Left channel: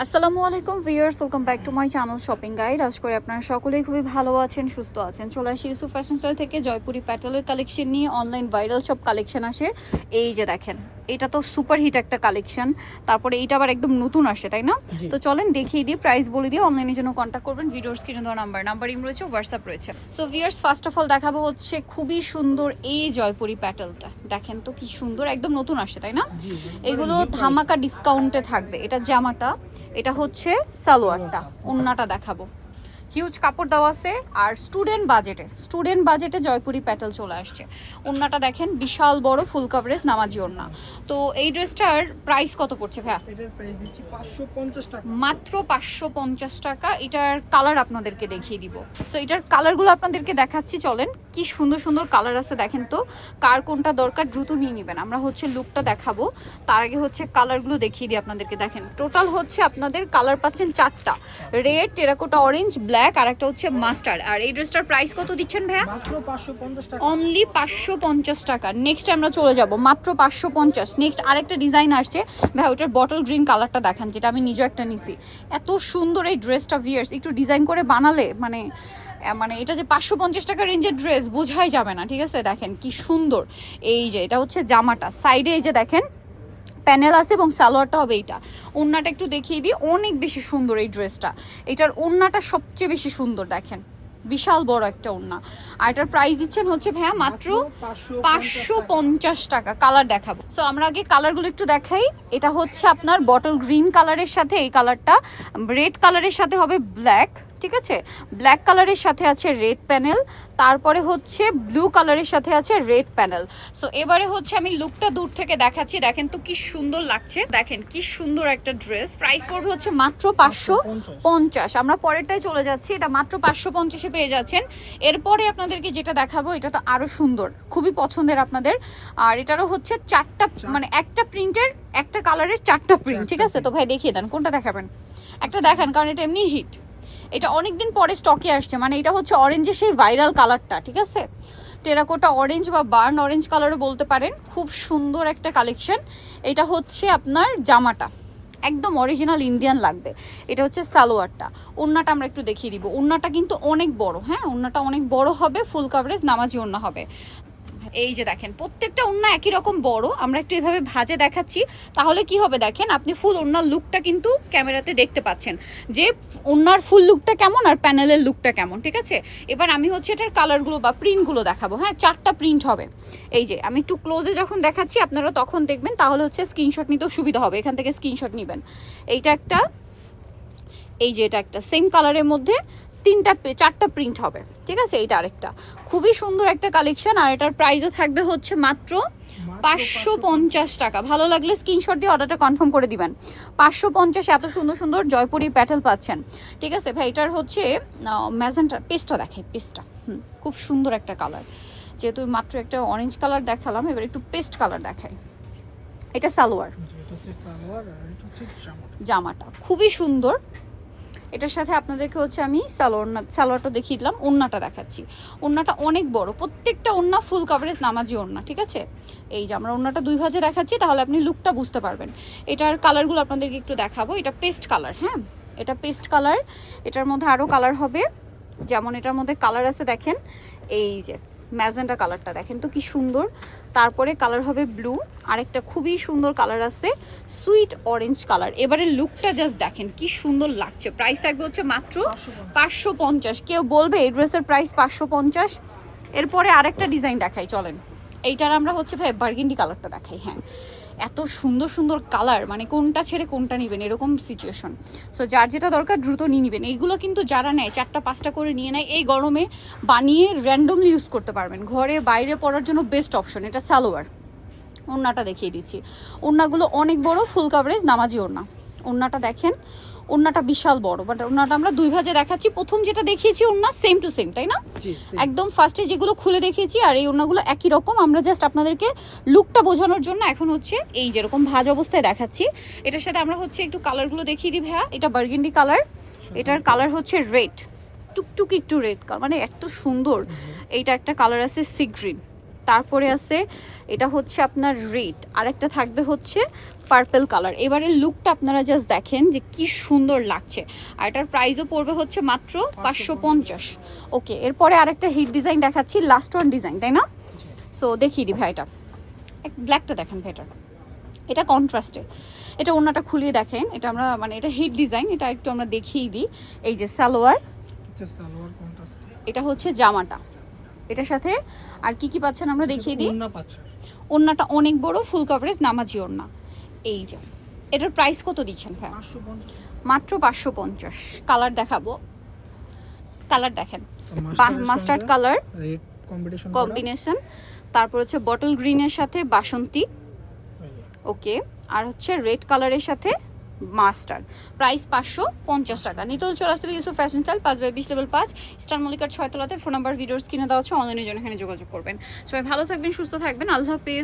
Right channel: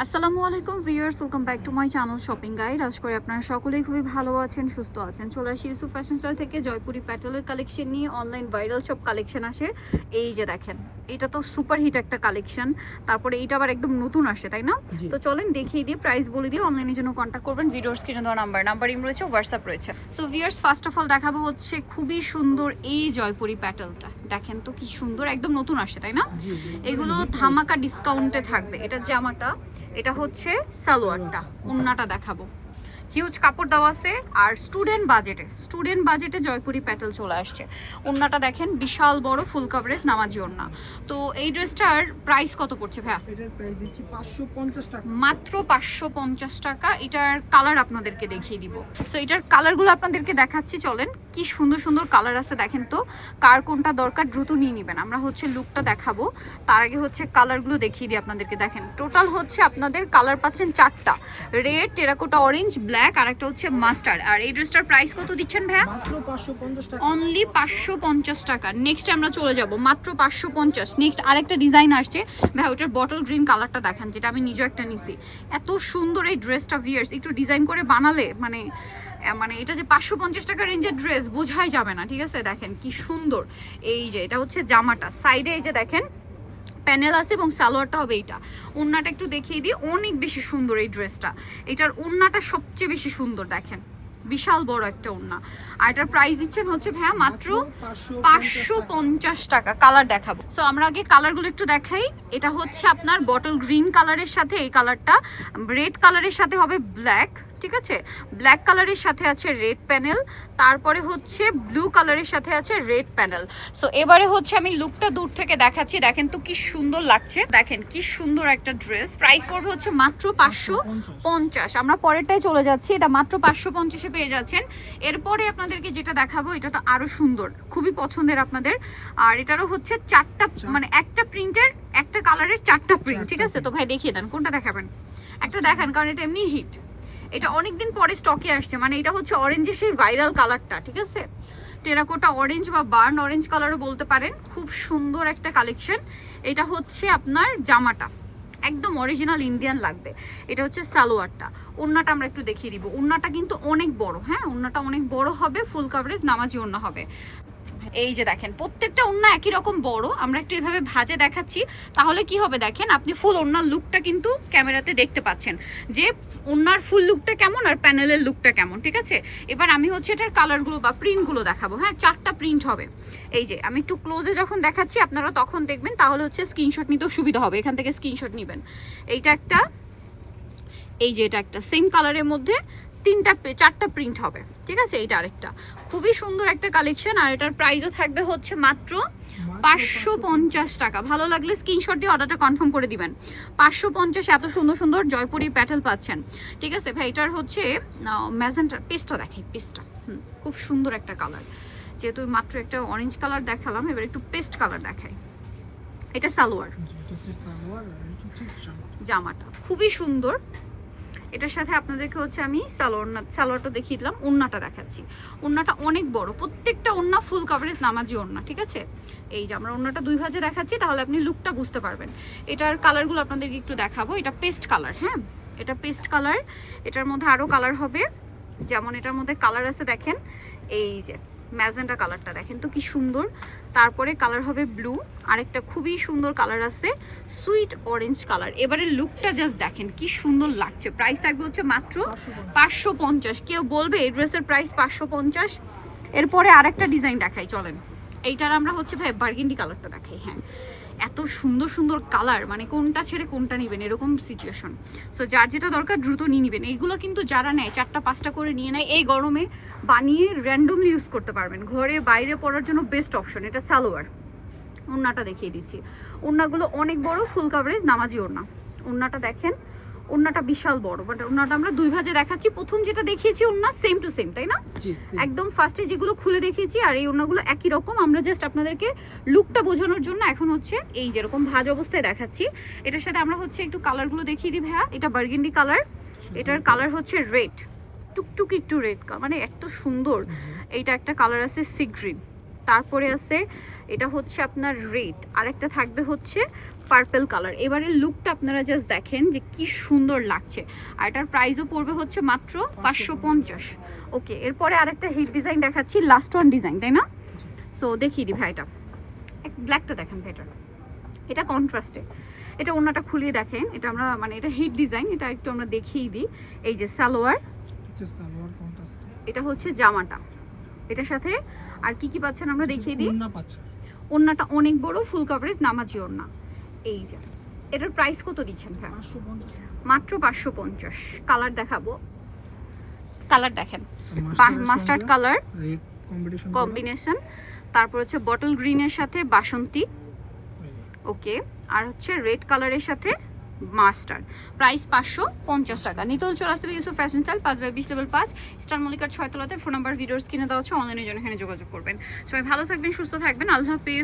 আসসালামু আলাইকুম viewers, welcome back to my channel shopping guide. আশা করি আপনারা সকলেই খুবই ভালো আছেন, সুস্থ আছেন। চলে আসি ইউসুফ ফ্যাশন স্টাইল থেকে জয়পুরি প্যাটেলের কালেকশন নিয়ে। অনলাইন ভাইরাল সব কালেকশন আসে। এই যে দেখেন, এটা তো সুপার হিট একটা কালেকশন। তারপরে এইটা আবার একদম নতুন আসে, তাই না? তো চলেন দেখিয়ে দিই, প্রাইস বলে দিয়ে অনলাইনের জন্য কন্ট্যাক্ট করবেন। ভিডিওর স্ক্রিনে দেওয়া নাম্বারিং রয়েছে, হোয়াটসঅ্যাপ রয়েছে। So viewers, first of all দেখাবো হচ্ছে খুবই সুন্দর এই জয়পুরি প্যাটেলটা। দেখেন তো কি সুন্দর, একদম নতুন আসে, তাই না? এগুলো ধামাকা ডিসকাউন্টে থাকবে। এটা জামাটা, এটা হচ্ছে সালোয়ারটা, ওন্নাটা দেখাবো। হিউজ কাপড় দেওয়া আছে। আর স্টুডেন্ট বাজেটে জয়পুরি প্যাটেল চলে আসছে। ওন্নাটা দেখেন, বিশাল বড় ফুল কভারেজ নামাজি ওন্না। তো এই ড্রেসটার প্রাইস কত পড়ছে ভাইয়া? এটার প্রাইস দিচ্ছি 550 টাকা, মাত্র 550 টাকা। এটার কালার আপনাদেরকে দেখিয়ে দিব। সো এটার কালারগুলো আপনাদেরকে দেখাচ্ছি, চলেন। কি সুন্দর সুন্দর কালার আছে দেখেন তো। কার কোনটা দরকার দ্রুত নিয়ে নেবেন। আমরা হচ্ছে লুকটা দেখাবো, তার আগে হচ্ছে কালারগুলো দেখিয়ে দিই আপনাদেরকে। দেখেন টোটাল হচ্ছে আপনাদের কালার পাচ্ছেন 4টা, রেড, টেরাকোটা, অরেঞ্জ, ব্ল্যাক, আর একটা হচ্ছে মাস্টার্ড। আর এই ড্রেসটার প্রাইস কত দিচ্ছেন ভাইয়া? মাত্র 550 টাকা, অনলি 550 টাকা। নেক্সট আমরা চলে যাব, মাত্র 550। নেক্সট আরেকটা ডিজাইন আসছে ভাই, ওটার বটল গ্রিন কালারটা দেখেন, যেটা আমি নিজে একটা নিছি। এত সুন্দর এই ড্রেসটা ভিয়ার্স, একটু ডিজাইন করে বানালে মানে এটা যে 550 টাকা রেঞ্জের ড্রেস বোঝাই যাবে না, ঠিক আছে? দেখেন কি সুন্দর। এই যে এটা হচ্ছে জামাটা, সাইডে এই যে দেখেন প্যানেল আছে এবং সালোয়ারটা হবে এইটা। ওড়নাটা একটু দেখিয়ে দিই, অনেক বেশি সুন্দর এই ড্রেসটা। এটার ওড়নাটা সবচেয়ে বেশি সুন্দর, দেখেন বিশাল বড় একটা ওড়না। আর এটার প্রাইস দিচ্ছেন হচ্ছে ভাইয়া মাত্র 550 টাকা। কালার দেখাবো। সো আমরা আগে কালারগুলো একটু দেখাই। এটা হচ্ছে আপনার বটল গ্রিন কালারের সাথে এই কালারটা, রেড কালারের সাথে হবে ব্ল্যাক, ঠিক আছে? ব্ল্যাক কালারের সাথে আছে রেড প্যানেল, তারপরে হচ্ছে ব্লু কালারের সাথে আছে রেড প্যানেল। সো এবারে হচ্ছে আমি লুকটা দূর থেকে দেখাচ্ছি। দেখেন তো কি সুন্দর লাগছে, দেখেন কি সুন্দর একটা ড্রেস। প্রাইস পড়বে হচ্ছে মাত্র 550। আমরা পরেরটাই চলে যাচ্ছি, এটা মাত্র 550-এ পেয়ে যাচ্ছেন। এরপরে আপনাদেরকে যেটা দেখাবো, এটা তো আরো সুন্দর, খুবই পছন্দের আপনাদের। আর এটারও হচ্ছে 4টা, মানে একটা প্রিন্টের একটা কালারের 4টা প্রিন্ট, ঠিক আছে? তো ভাই দেখিয়ে দেন কোনটা দেখাবেন, একটা দেখান, কারণ এটা এমনি হিট। এটা অনেকদিন পরে স্টকে আসছে, মানে এটা হচ্ছে অরেঞ্জের সেই ভাইরাল কালারটা, ঠিক আছে? টেরাকোটা অরেঞ্জ বা বার্ন অরেঞ্জ কালারও বলতে পারেন। খুব সুন্দর একটা কালেকশন। এটা হচ্ছে আপনার জামাটা, একদম অরিজিনাল ইন্ডিয়ান লাগবে। এটা হচ্ছে সালোয়ারটা। ওড়নাটা আমরা একটু দেখিয়ে দিব। ওড়নাটা কিন্তু অনেক বড়, হ্যাঁ ওড়নাটা অনেক বড় হবে, ফুল কভারেজ নামাজি ওড়না হবে। এই যে দেখেন প্রত্যেকটা ওড়না একই রকম বড়। আমরা একটু এভাবে ভাঁজে দেখাচ্ছি, তাহলে কি হবে দেখেন, আপনি ফুল ওড়নার লুকটা কিন্তু ক্যামেরাতে দেখতে পাচ্ছেন যে ওড়নার ফুল লুকটা কেমন আর প্যানেলের লুকটা কেমন, ঠিক আছে? এবার আমি হচ্ছে এটার কালারগুলো বা প্রিন্টগুলো দেখাবো। হ্যাঁ 4টা প্রিন্ট হবে। এই যে আমি একটু ক্লোজে যখন দেখাচ্ছি আপনারা তখন দেখবেন, তাহলে হচ্ছে স্ক্রিনশট নিতেও সুবিধা হবে। এখান থেকে স্ক্রিনশট নেবেন। এইটা একটা, এই যে এটা একটা সেম কালারের মধ্যে 4টা প্রিন্ট হবে, ঠিক আছে? এইটা আরেকটা খুবই সুন্দর একটা কালেকশন। আর এটার প্রাইসও থাকবে হচ্ছে মাত্র 550 টাকা। ভালো লাগলে স্ক্রিনশট দিয়ে অর্ডারটা কনফার্ম করে দিবেন। 550, এত সুন্দর সুন্দর জয়পুরি প্যাটেল পাচ্ছেন, ঠিক আছে ভাই? এটার হচ্ছে ম্যাজেন্টা পেস্টটা দেখাই, পেস্টটা খুব সুন্দর একটা কালার। যেহেতু মাত্র একটা অরেঞ্জ কালার দেখালাম, এবার একটু পেস্ট কালার দেখাই। এটা সালোয়ার, জামাটা খুবই সুন্দর। এটার সাথে আপনাদেরকে হচ্ছে আমি সালোয়ারটা দেখিয়ে দিলাম। ওড়নাটা দেখাচ্ছি, ওড়নাটা অনেক বড়, প্রত্যেকটা ওড়না ফুল কভারেজ নামাজি ওড়না, ঠিক আছে? এই যে আমরা ওড়নাটা 2 ভাঁজে দেখাচ্ছি, তাহলে আপনি লুকটা বুঝতে পারবেন। এটার কালারগুলো আপনাদেরকে একটু দেখাবো। এটা পেস্ট কালার, হ্যাঁ এটা পেস্ট কালার। এটার মধ্যে আরও কালার হবে, যেমন এটার মধ্যে কালার আছে দেখেন, এই যে ম্যাজেন্টা কালারটা দেখেন তো কি সুন্দর। তারপরে কালার হবে ব্লু, আরেকটা খুবই সুন্দর কালার আছে সুইট অরেঞ্জ কালার। এবারে লুকটা জাস্ট দেখেন কি সুন্দর লাগছে। প্রাইস থাকবে হচ্ছে মাত্র 550। কেউ বলবে এই ড্রেসের প্রাইস 550? এরপরে আরেকটা ডিজাইন দেখাই, চলেন। এইটার আমরা হচ্ছে ভাই বার্গেন্ডি কালারটা দেখাই। হ্যাঁ এত সুন্দর সুন্দর কালার, মানে কোনটা ছেড়ে কোনটা নেবেন এরকম সিচুয়েশন। সো যার যেটা দরকার দ্রুত নিয়ে নেবেন। এইগুলো কিন্তু যারা নেয় 4টা 5টা করে নিয়ে নেয়, এই গরমে বানিয়ে র্যান্ডমলি ইউজ করতে পারবেন, ঘরে বাইরে পরার জন্য বেস্ট অপশন। এটা সালোয়ার। ওড়নাটা দেখিয়ে দিচ্ছি। ওড়নাগুলো অনেক বড়, ফুল কভারেজ নামাজি ওড়না। ওড়নাটা দেখেন, ওড়নাটা বিশাল বড়, বাট ওড়নাটা আমরা 2 ভাঁজে দেখাচ্ছি। প্রথম যেটা দেখিয়েছি ওড়না সেম টু সেম, তাই না? একদম ফার্স্টে যেগুলো খুলে দেখিয়েছি আর এই ওড়নাগুলো একই রকম। আমরা জাস্ট আপনাদেরকে লুকটা বোঝানোর জন্য এখন হচ্ছে এই যেরকম ভাঁজ অবস্থায় দেখাচ্ছি। এটার সাথে আমরা হচ্ছে একটু কালারগুলো দেখিয়ে দিই ভাইয়া। এটা বার্গেন্ডি কালার, এটার কালার হচ্ছে রেড, টুকটুক একটু রেড কালার, মানে এত সুন্দর। এইটা একটা কালার আছে সি গ্রিন, তারপরে আছে এটা হচ্ছে আপনার রেড, আরেকটা থাকবে হচ্ছে পার্পল কালার। এবারের লুকটা আপনারা জাস্ট দেখেন যে কি সুন্দর লাগছে। আর এটার প্রাইসও পড়বে হচ্ছে মাত্র 550। ওকে, এরপরে আরেকটা হিট ডিজাইন দেখাচ্ছি, লাস্ট ওয়ান ডিজাইন, তাই না? সো দেখিয়ে দিই ভাই, এটা ব্ল্যাকটা দেখেন ভাই, এটা কন্ট্রাস্টে, এটা ওড়নাটা খুলিয়ে দেখেন। এটা আমরা মানে এটা হিট ডিজাইন, এটা একটু আমরা দেখিয়ে দিই। এই যে সালোয়ার, সালোয়ার কন্ট্রাস্ট, এটা হচ্ছে জামাটা, এটার সাথে আর কি কি পাচ্ছেন আমরা দেখিয়ে দিই। ওড়না পাচ্ছেন, ওড়নাটা অনেক বড়, ফুল কভারেজ নামাজি ওড়না। এই যে এটার প্রাইস কত দিচ্ছেন ভাই? 550, মাত্র 550। কালার দেখাবো, কালার দেখেন, মাস্টার্ড কালার রেড কম্বিনেশন, তারপর হচ্ছে বটল গ্রিনের সাথে বাসন্তী, ওকে, আর হচ্ছে রেড কালারের সাথে মাস্টার্ড। প্রাইস 550 টাকা। নিতল চলে আসতে হবে Yusuf fashion style 5/20 level 5 star মল্লিকার 6 তলাতে। ফোন নাম্বার ভিডিওস কিনে দেওয়া হচ্ছে, অনলাইনের জন্য এখানে যোগাযোগ করবেন। সবাই ভালো থাকবেন, সুস্থ থাকবেন, আল্লাহ হাফেজ।